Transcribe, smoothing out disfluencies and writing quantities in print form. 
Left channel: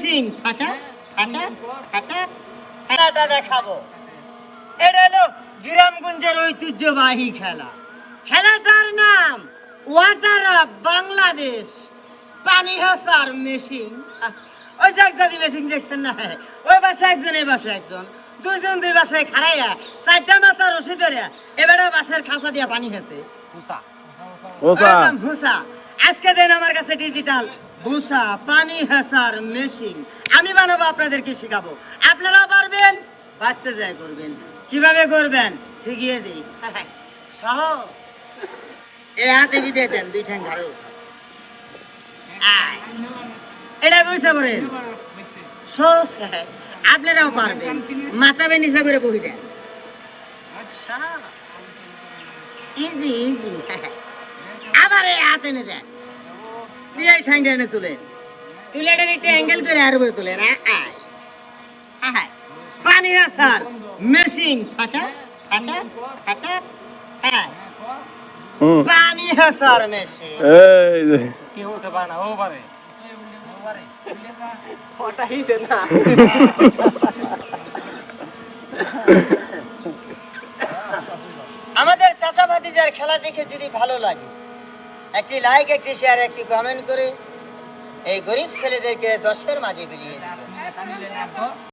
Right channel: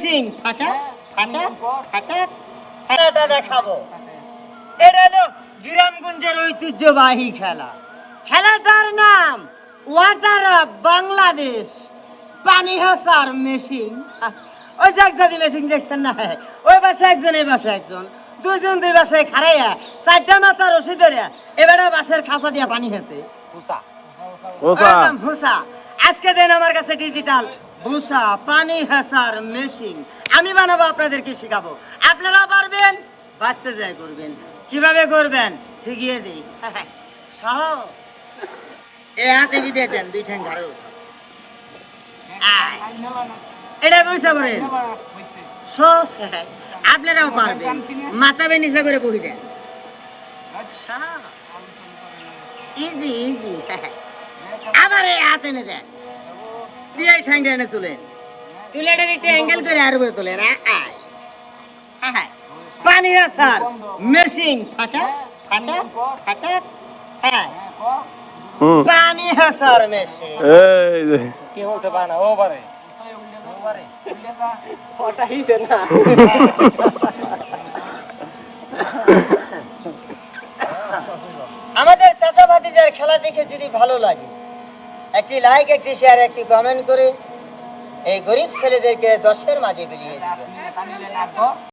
Machine আচ্ছা আচ্ছা আচ্ছা খেলাটা দেখাবো। এটা হলো গ্রামগঞ্জের ঐতিহ্যবাহী খেলা। খেলাটার নাম ওয়াটার অফ বাংলাদেশ পানি হাসার মেশিন। ওই যে একসাথে মেশিন দেখছেন না, ওই পাশে একজন এই পাশে একজন, দুইজন দুই বাসায় খাড়াইয়া চারটা মাথা রশি ধরে এবারে বাঁশের খাঁচা দিয়া পানি হেসে ভুসা। আজকে দিন আমার কাছে ডিজিটাল ভুসা পানি হেসার মেশিন আমি বানাবো, আপনাদেরকে শিখাবো। আপনারা পারবেন, বাঁচতে যাই করবেন। কিভাবে করবেন শিখিয়ে দিই। সব এ হাতে দিয়ে দেন, দুই ঠ্যাং ধরো। এটা বুঝা করেন সব, আপনারাও পারবেন। মাথা বে নিচে করে বহি দেন, ইজি ইজি। আবার এই হাতে এনে দেন, দিয়ে ঠ্যাংটা এনে তুলেন, তুলে একটু অ্যাঙ্গেল করে আর উপরে তুলেন। পানি আসার মেশিন আচ্ছা আচ্ছা আচ্ছা হ্যাঁ পানি হাসার মেশিন। কি হচ্ছে বানা ও পারে ওটা হিসে না। আমাদের চাচা ভাতিজার খেলা দেখে যদি ভালো লাগে, একটি লাইক, একটি শেয়ার, একটি কমেন্ট করে এই গরিব ছেলেদেরকে 10-এর মাঝে বিলিয়ে দিবেন।